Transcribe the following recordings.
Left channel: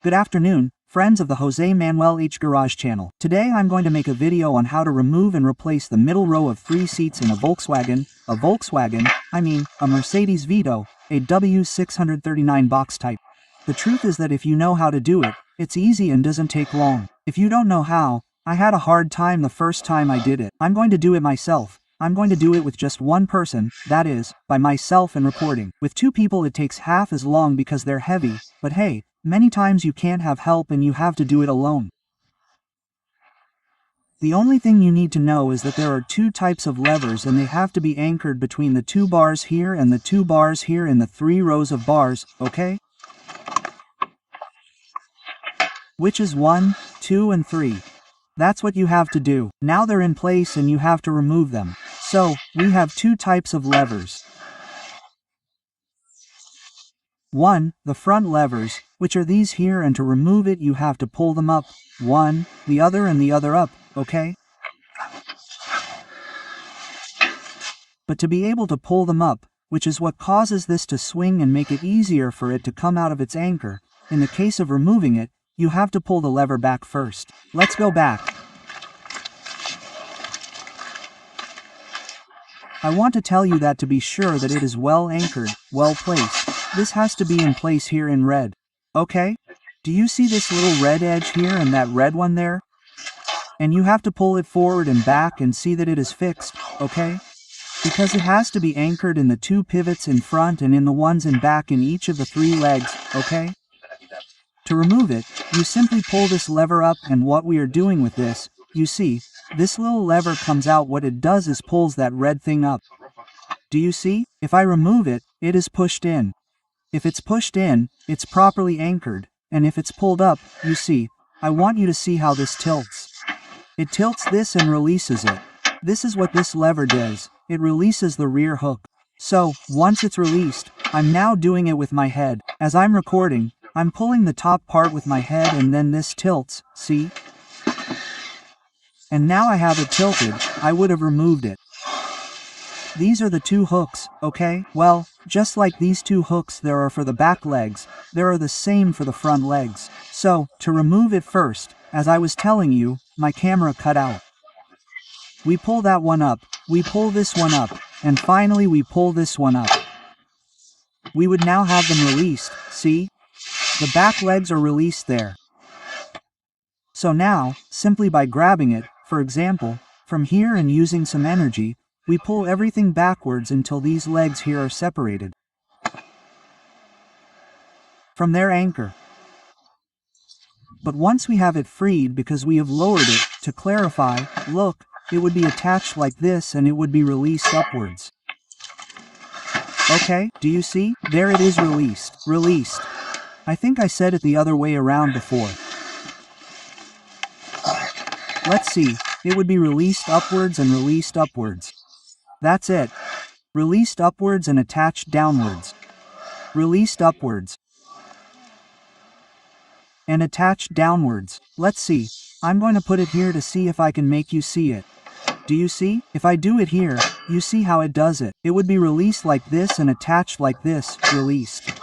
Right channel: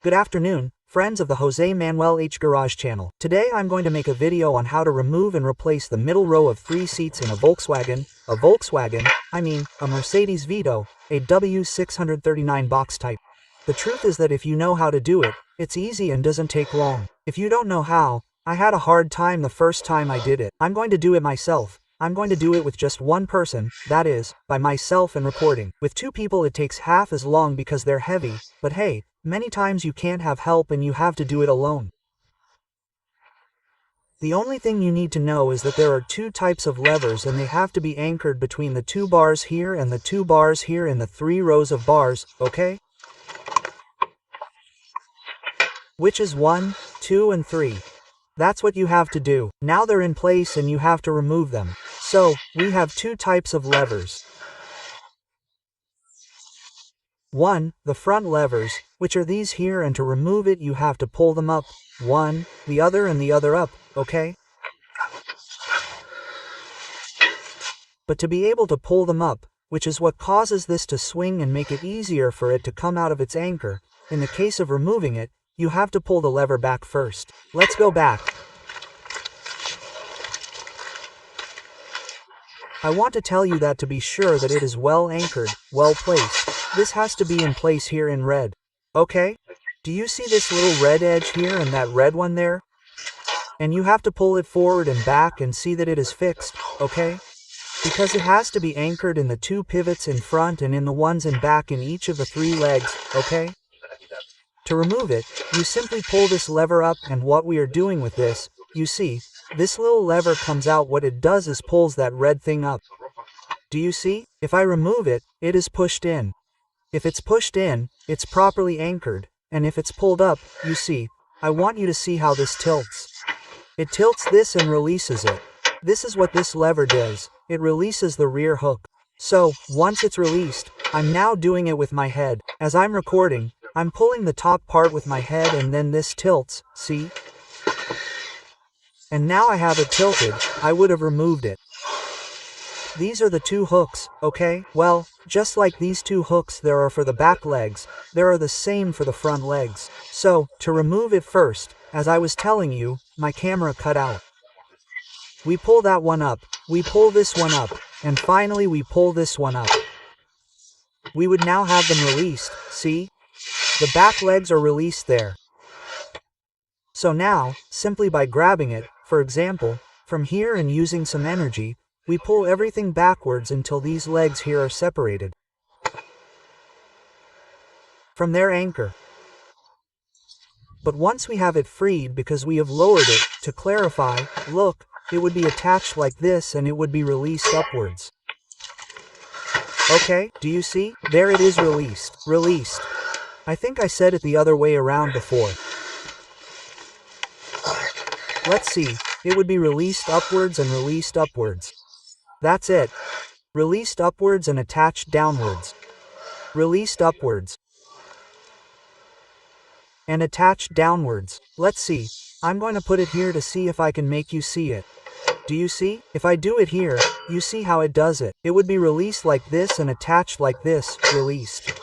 Good afternoon, friends of the Jose Manuel H. Garage channel. Today I'm going to make a video on how to remove and replace the middle row of 3 seats in a Volkswagen, a Mercedes Vito, a W639 box type. The truth is that if you know how to do it, it's easy and doesn't take long. If you don't know how, I had a hard time the first time I did it. I'm going to do it myself. I'm going to do it with just one person, that is, by myself and recording. With 2 people it takes half as long because they're heavy, but hey, many times you can't have help and you have to do it alone. The only thing you need to know is that there are 2 types of levers and they have to be anchored between the 2 bars here and the 2 bars here in the 3 rows of bars, okay? Which is 1, 2 and 3. That's what you have to do. Now they're in place and you have to remove them. So, we have 2 types of levers. 1, the front levers, which are these here, and to remove it you have to pull them up, one, the other and the other up, okay? But to be able to pull them up, which is what causes this to swing and make it easier for it to come out of its anchor, in the case of removing it, you have to pull the lever back first. Let's go back. I want to tell you that to be sure that it is well anchored, well placed, this has to be in place here in red. Okay? Do you see this little red edge here and that red one there? And you have to pull it forward and back and see that it is fixed, okay? Because it has to be anchored in the 2 pivots in front and in the ones in back in each of the 3 legs, okay? To remove it, you simply pull this lever up, and what we are doing with this, you see, this little lever comes out. What it does is pulls that red thing up. Do you see? If I remove it, it is pushed in. If it's pushed in, it's properly anchored, and if it's pulled up, you see, I want you to see how this tilts. It tilts this and releases it. This is what this lever does. It releases the rear hook. So, once it's released, I'm now doing it with my head. As I'm recording, I'm pulling the top part with my head and then this tilts, see? And now I have it tilted. I would have removed it. These are the 2 hooks, okay? Well, just like these 2 hooks there are for the back legs, there are the same for the front legs. So, to remove it first, as I was telling you, my camera cut out. We pull that one up, we pull this one up, and finally we pull this one up. We would now have them released, see? The back legs are released there. So now, simply by grabbing it, for example, from here and using some energy, we pull everything backwards until these legs here are separated from their anchor. But once we have it freed because we have lowered it, to clarify, look, it would be attached like this and it would be released upwards. Okay, do you see? There it is, released. Released. I think I said it the other way around before. Let's see, it would be released upwards and released upwards. That's it. Released upwards and attached downwards. Released upwards. And attached downwards. Let's see. I'm going to put it here to see if I can make you see it. Do you see? If I do it here, you see how it does it. It would be released like this and attached like this, released.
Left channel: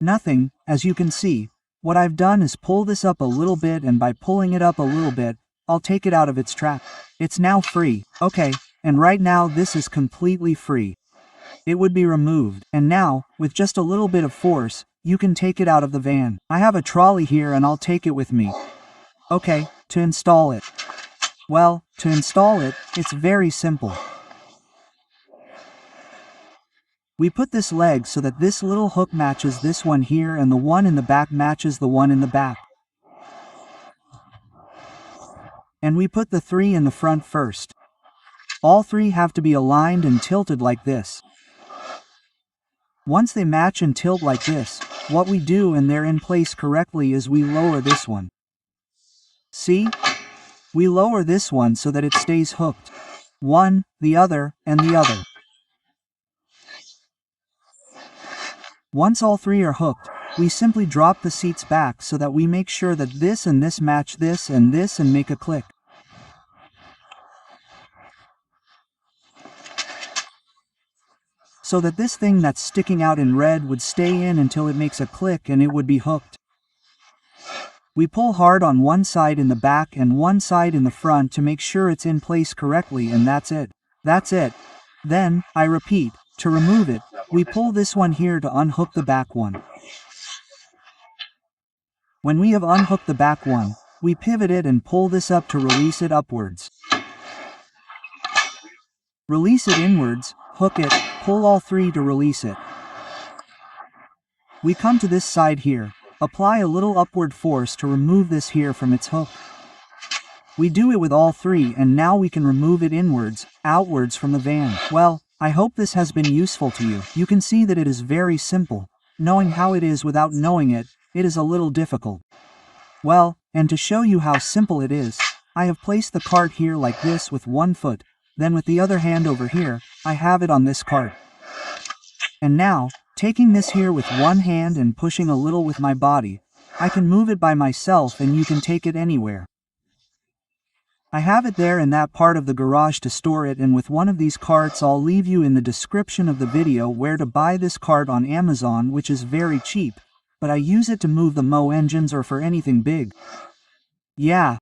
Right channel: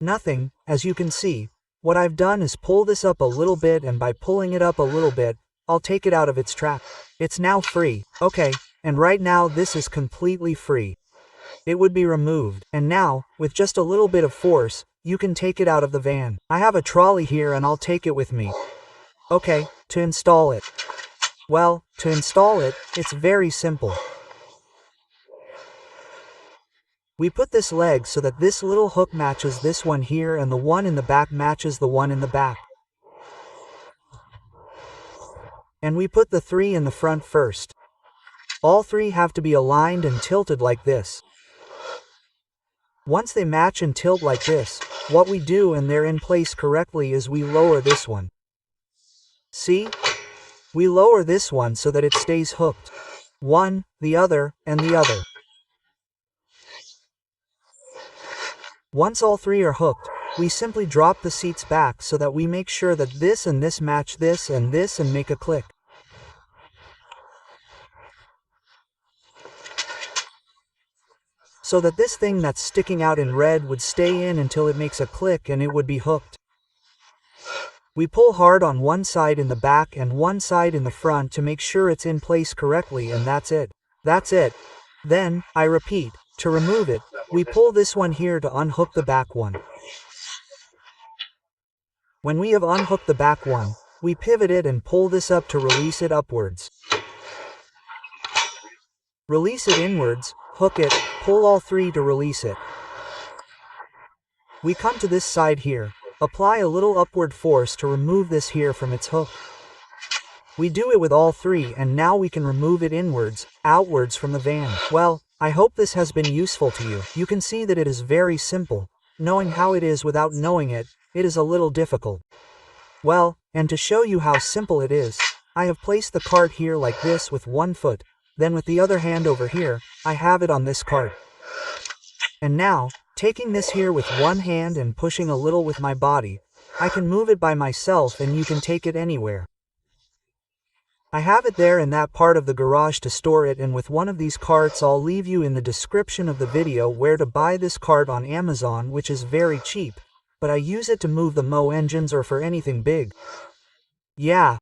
Nothing, as you can see. What I've done is pull this up a little bit, and by pulling it up a little bit, I'll take it out of its trap. It's now free. Okay, and right now this is completely free. It would be removed. And now, with just a little bit of force, you can take it out of the van. I have a trolley here and I'll take it with me. Okay, to install it. Well, to install it, it's very simple. We put this leg so that this little hook matches this one here and the one in the back matches the one in the back. And we put the 3 in the front first. All 3 have to be aligned and tilted like this. Once they match and tilt like this, what we do and they're in place correctly is we lower this one. See? We lower this one so that it stays hooked. One, the other, and the other. Once all 3 are hooked, we simply drop the seats back so that we make sure that this and this match this and make a click. So that this thing that's sticking out in red would stay in until it makes a click and it would be hooked. We pull hard on one side in the back and one side in the front to make sure it's in place correctly, and that's it. That's it. Then, I repeat, to remove it, we pull this one here to unhook the back one. When we have unhooked the back one, we pivot it and pull this up to release it upwards. Release it inwards, hook it, pull all three to release it. We come to this side here, apply a little upward force to remove this here from its hook. We do it with all three, and now we can remove it inwards, outwards from the van. Well, I hope this has been useful to you. You can see that it is very simple. Knowing how it is without knowing it, it is a little difficult. Well, and to show you how simple it is, I have placed the cart here like this with one foot, then with the other hand over here, I have it on this cart. And now, taking this here with one hand and pushing a little with my body, I can move it by myself, and you can take it anywhere. I have it there in that part of the garage to store it, and with one of these carts I'll leave you in the description of the video where to buy this cart on Amazon, which is very cheap, but I use it to move the mow engines or for anything big. Yeah,